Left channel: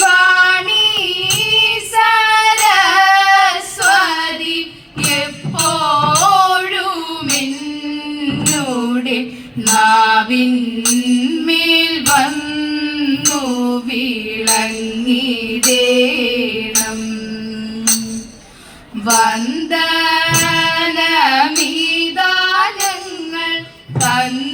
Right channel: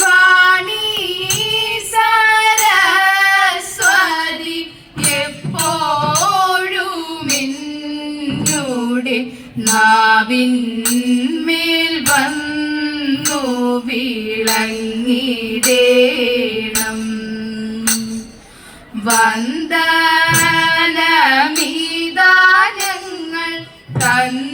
വാണി സരസ്വതി എപ്പോഴും എന്നോടെ നാവിന്മേൽ വന്നു വിളങ്ങിടേണം. വന്ദനമിതാ ഞങ്ങൾ തന്നിടുന്നേ.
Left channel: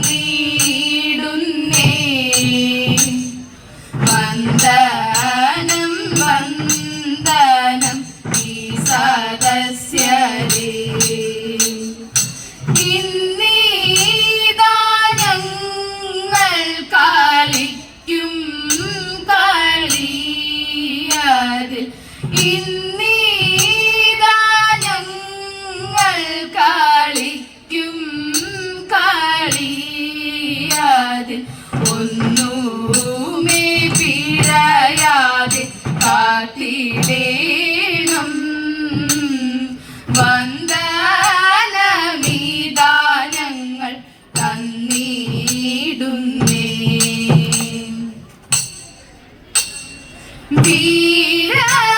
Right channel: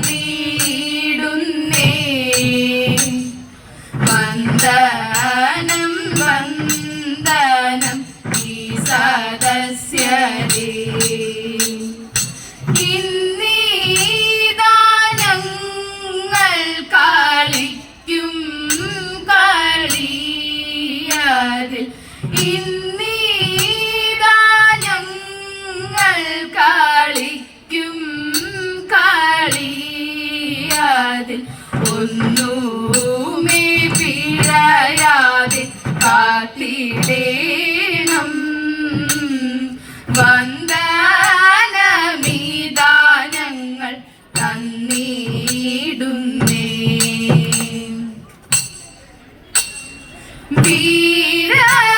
വന്ദനം വന്ദനം ഈ സദസ്യരേ. ഇന്നീതാ ഞങ്ങൾ കളിക്കും കളിയതിൽ. ഇന്നീതാ ഞങ്ങൾ കളിക്കും കളിയതിൽ. ഒന്നുമേ പിഴയാതെ കാത്തിടേണം. വന്ദനമിതാ ഞങ്ങൾ തന്നിടുന്നേ.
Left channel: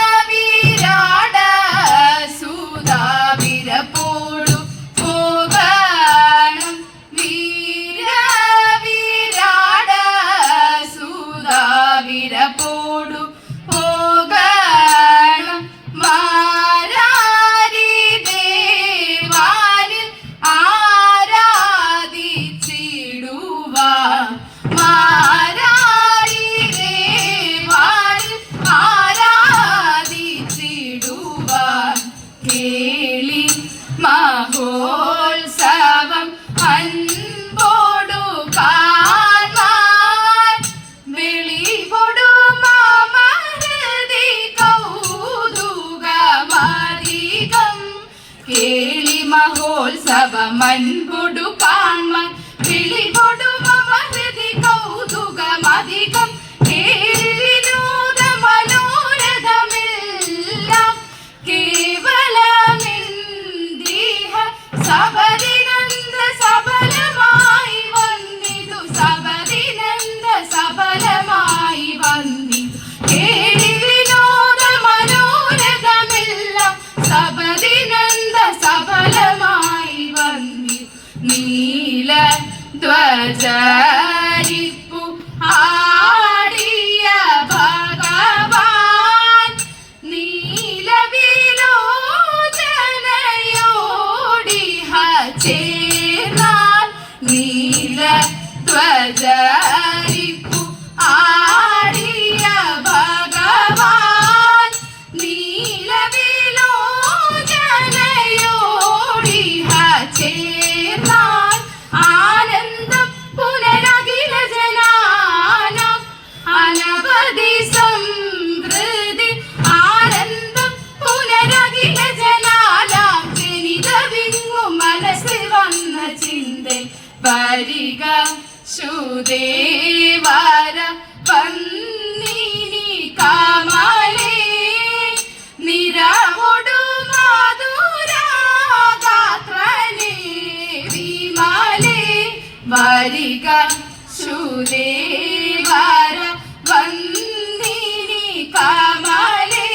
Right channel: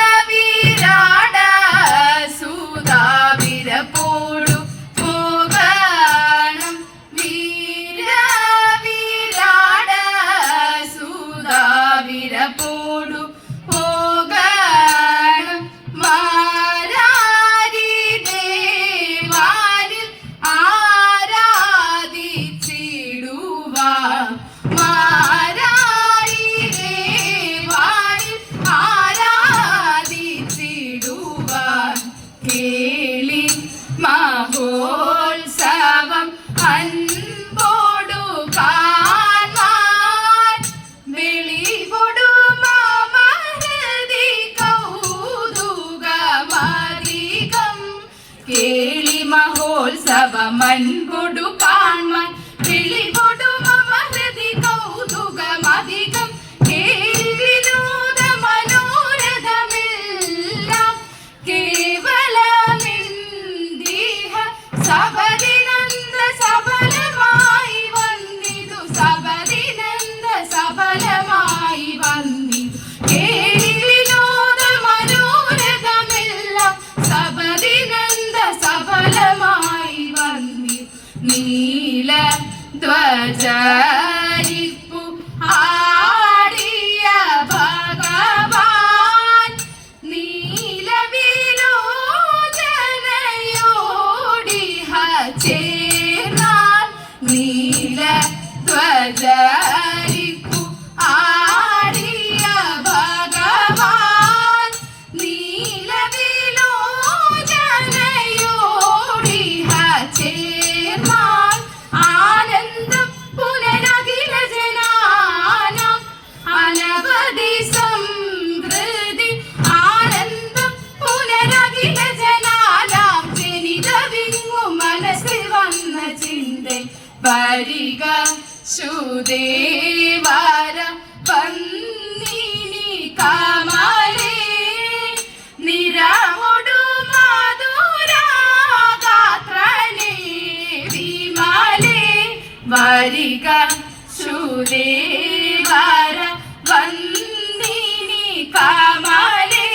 വീരവിരാട സുധാവിരപ്പോടു പോകണം. വീരവിരാട സുധാവിരപ്പോടു പോകണം. മാരാരി ദേവാനിൽ ആരാധിച്ചിടുവാൻ. മാരാരി ദേവാനിൽ ആരാധിച്ചിടുവാൻ. കേളി മഹോത്സവം അൻപോടു കാണാൻ. വെളിപൊടുമാമഹൃദി കൗതുകമധികം. കേളി മഹോത്സവം അൻപോടു കാണാൻ. വെളിപൊടുമാമഹൃദി കൗതുകമധികം. കേൾവിനൂത മനോരഥമെല്ലാം കേവലമെന്തിഹ. സബദിനന്ദ സഫലമായി വന്നിതു. സബദിനന്ദ സഫലമായി വന്നിതു. കേൾവിനോദ മനോരഥമെല്ലാം സബദിനന്ദ സഫലമായി വന്നിതു. നീലധ്വജരിപ്പു ആടിയ ഭഗവാൻ. നീലവിലോചനയോടിഹ ചേർന്നാൽ. നീലധ്വജരിപ്പു ആടിയ ഭഗവാൻ. നീലവിലോചനയോടിഹ ചേർന്നാൽ. ആനന്ദം പുനരഖില ജനാനാം അനവധി സമൃദ്ധി. ആനന്ദം പുനരഖില ജനാനാം ജനിതവിങ്ങു മനസ്സിൽ വന്ന ചിന്ത. വരിക ശുദേവര വന്നിനി കമലേ. നിരവൊടു മധുരഗാത്രനേ വിമലേ. വരിക ശുദേവര വന്നിനി കമലേ.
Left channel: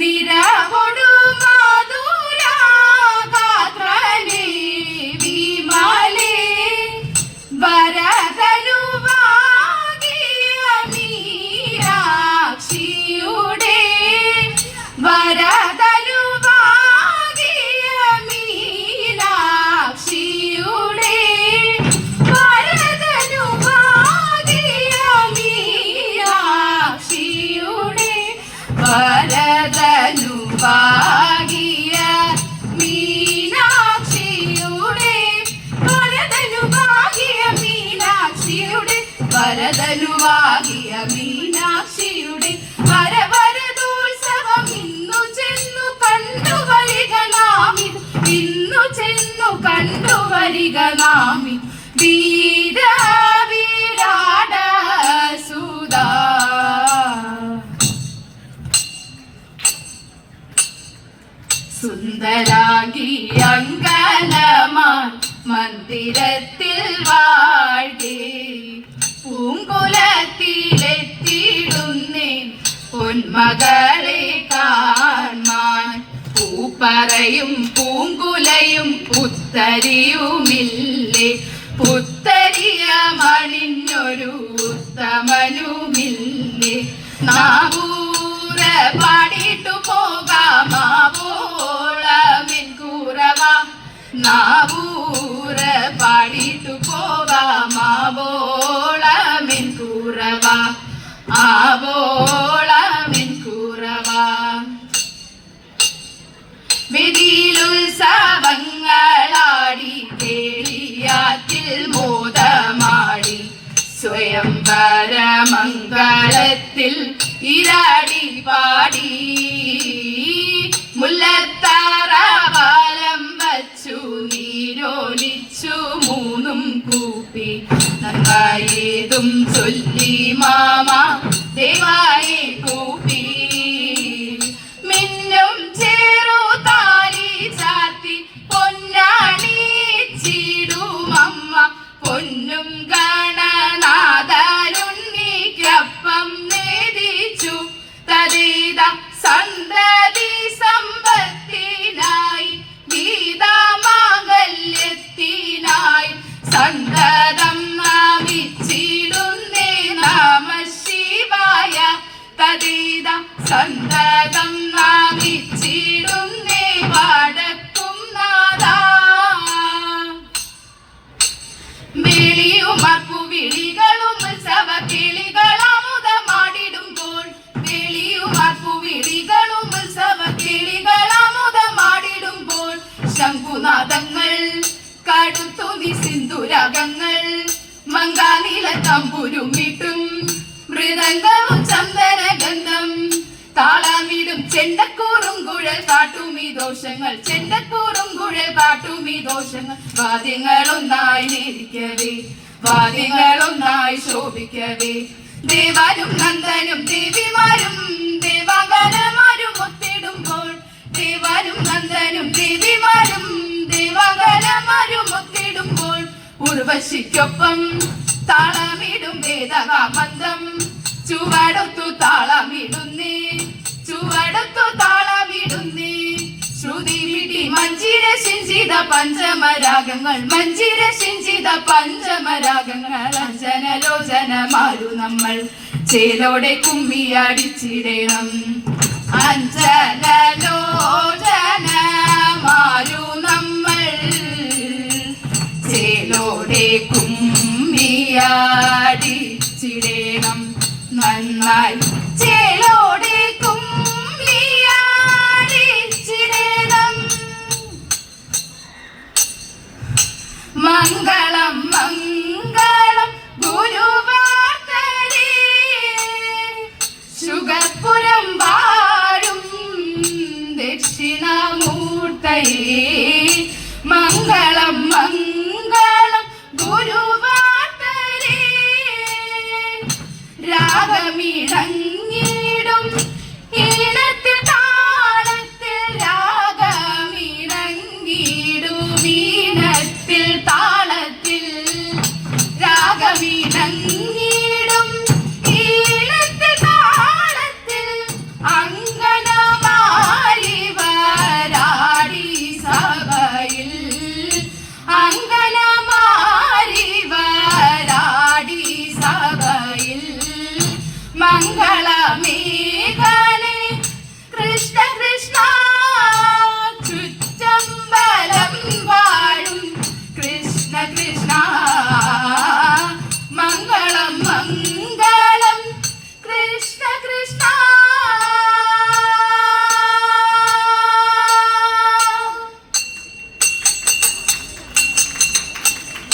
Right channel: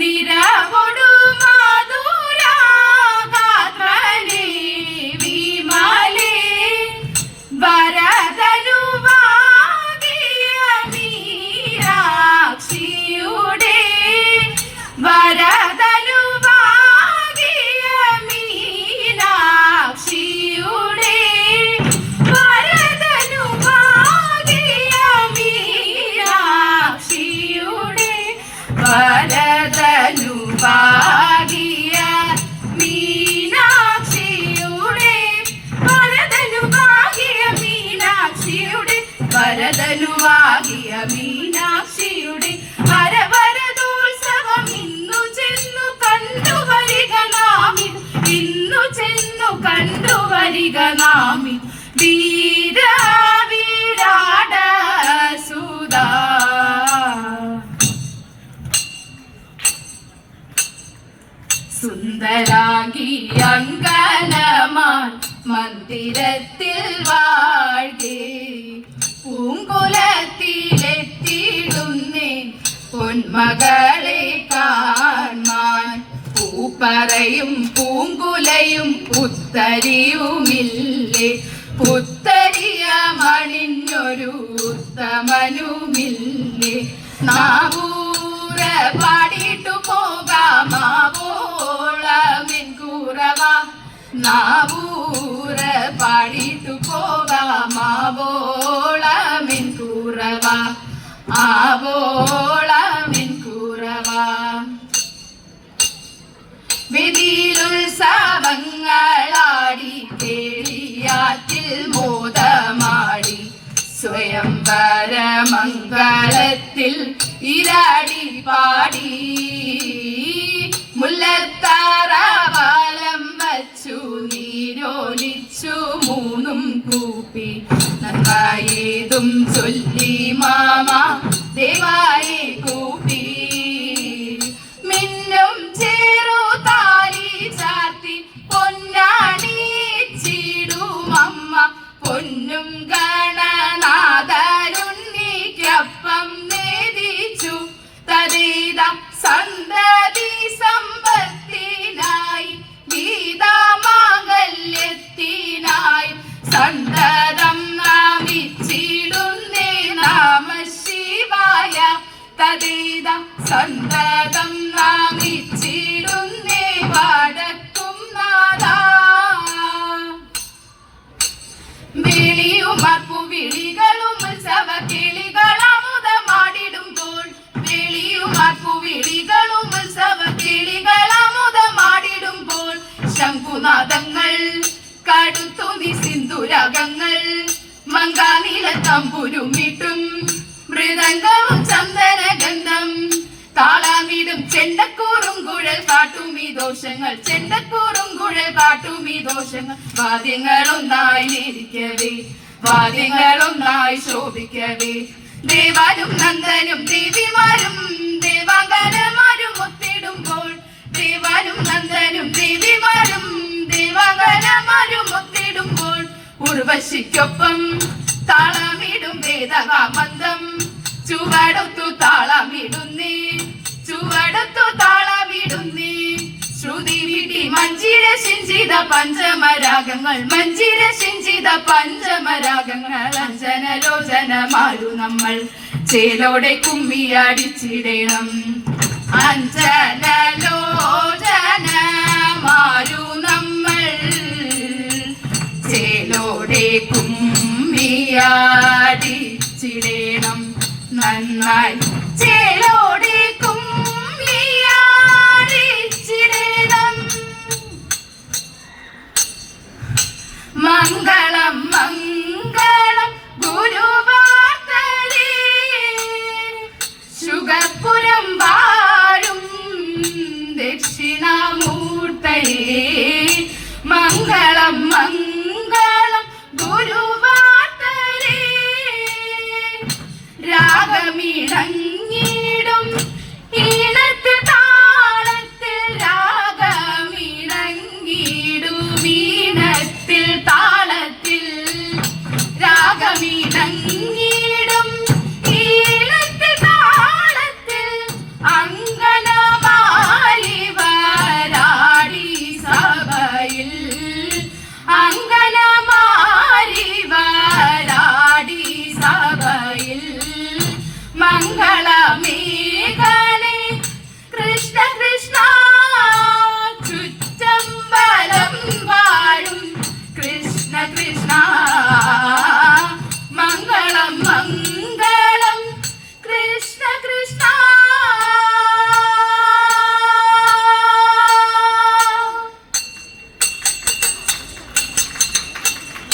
നിരവൊടു മധുരഗാത്രനേ വിമലേ. വരദനുവാകിയ മീനാക്ഷിയുടെ. വരദനുവാകിയ മീനാക്ഷിയുടെ. വരദനുവാകിയ മീനാക്ഷിയുടെ. വരദനുവാകിയ മീനാക്ഷിയുടെ. വരദനുവാകിയ മീനാക്ഷിയുടെ. വരദനുവാകിയ മീനാക്ഷിയുടെ. വരവരദോത്സവം ഇന്നു ചെന്നു കണ്ടു വരിക നാമി. ഇന്നു ചെന്നു കണ്ടു വരിക നാമി. വീരവിരാട സുധാ. സുന്ദരാംഗി അങ്കനമായി മന്ദിരത്തിൽ വാഴേ. മകളെ കാൺമാൻ പൂപ്പറയും പൂങ്കുലയും പുത്തരിയുമില്ലേ പുത്തരിയ മണിഞ്ഞൊരു ഉത്തമനുമില്ലേ നാവൂര പാടിട്ടു പോകാമാവോളമിൻ കൂറവ നാവൂര പാടിട്ടു പോകാമാവോളമിൻ കൂറവ ആവോളമിൻ കൂറവ വിധിയിലുത്സവങ്ങളാടി കേളിയാറ്റിൽ മോദമാടി സ്വയംവരമംഗളത്തിൽ ഇരാടി പാടി മുല്ലത്താറാവാലം വച്ചു നീരോലിച്ചു മൂന്നും കൂപ്പി നന്മയേതും ചൊല്ലി മാമ ദേവായെ കൂപ്പി മിന്നും ചേറു താലി ചാത്തി പൊന്നാണിച്ചിടുമമ്മ പൊന്നും ഗണനാഥരുണ്ണിക്കപ്പം നേദിച്ചു തരീത സന്തതി സമ്പത്തിനായി ഗീതമാംഗല്യത്തിനായി സന്തതം നാമിച്ചിടുന്നേ നാമ ശിവായ തരീത സന്തതം നാമിച്ചിടുന്നേ വടക്കും നാദാ വിളിയുമർപ്പു വിളികളും ഉത്സവ കിളികളാമുദമാടിടുമ്പോൾ വിളിയുമർപ്പു വിളികളും ഉത്സവ കിളികളാമുദമാടിടുമ്പോൾ ശംഖുനാദങ്ങൾ കടുത്തുനി സിന്ദുരകങ്ങൾ മങ്കാനില തമ്പുരുമിട്ടും മൃദംഗവും ചന്ദനഗന്ധം താളമിടും ചെണ്ടക്കൂറും കുഴൽ കാട്ടുമീ ദോഷങ്ങൾ ചെണ്ടക്കൂറും കുഴൽ കാട്ടുമീ ദോഷങ്ങൾ വാദ്യങ്ങളൊന്നായി നേരിക്കവേ വാദ്യങ്ങളൊന്നായി ശോഭിക്കവേ ദേവാനും നന്ദനും ദേവിമാരും ദേവാങ്കരമാരും ഒത്തിടുമ്പോൾ ദേവാനും നന്ദനും ദേവിമാരും ദേവാങ്കരമാരും ഒത്തിടുമ്പോൾ ഉർവശിക്കൊപ്പം താളമിടും വേദകാമന്ദം ചുവടൊത്തു താളമിടുന്നേ ചുവടൊത്തു താളമിടുന്നേ ശ്രുതി വിടി മഞ്ജിര ശിഞ്ചിത പഞ്ചമരാഗങ്ങൾ മഞ്ജിര ശിഞ്ചിത പഞ്ചമരാഗങ്ങൾ അഞ്ജനലോചന മാരു നമ്മൾ ചേലോടെ കുമ്മിയടിച്ചിടണം അഞ്ജനലോചന മാരു നമ്മൾ ചേലോടെ കുമ്മിയടിച്ചിടണം നന്നായി ചേലോടെ കുമ്മിയടിച്ചിടണം മംഗളം മംഗളം ഗുരുവാർത്തരേ ശുഗപുരം വാഴും ദക്ഷിണാമൂർത്തയേ മംഗളം മംഗളം ഗുരുവാർത്തരേ രാഗമിണങ്ങിടും ഈണത്തിൽ താളത്തിൽ രാഗമിണങ്ങിടും ഈണത്തിൽ താളത്തിൽ രാഗമിണങ്ങി